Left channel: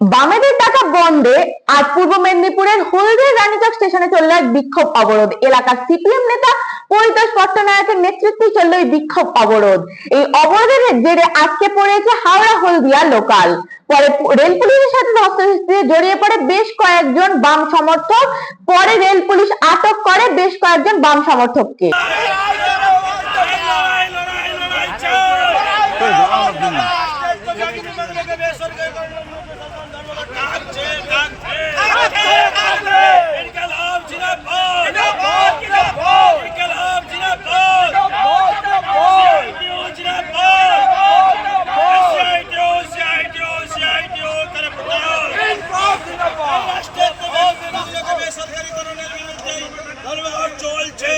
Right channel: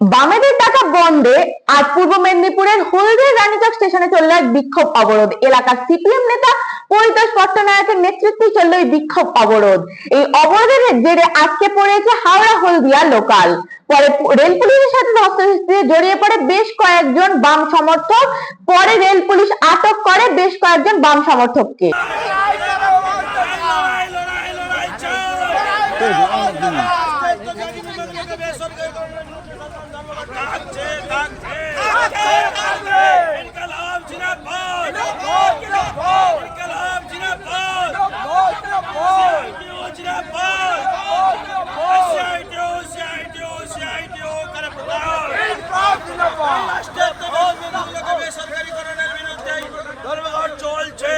বামেদের ডাকা বন্ধে আজ পূর্ব মেদিনীপুরের হলদিয়া রানীচক স্টেশনে চলল এক বিক্ষোভ অবরোধ। এলাকার সিপিএম নেতা পরিতোষ পট্টনায়কের নেতৃত্বে চলল এই বিক্ষোভ অবরোধ। এই অবরোধের জেরে আজকে পড়েছে হাওড়া হলদিয়া লোকাল। পরে রেল পুলিশের সাথে ধস্তাধস্তিতে জড়িয়ে পড়ে বেশ কয়েকজন বাম সমর্থক। পরে রেল পুলিশ আটক করে বেশ কয়েকজন বাম সমর্থককে। এই রাষ্ট্রের বেসরকারীকরণের বিরুদ্ধে ধর্মঘট চলছে।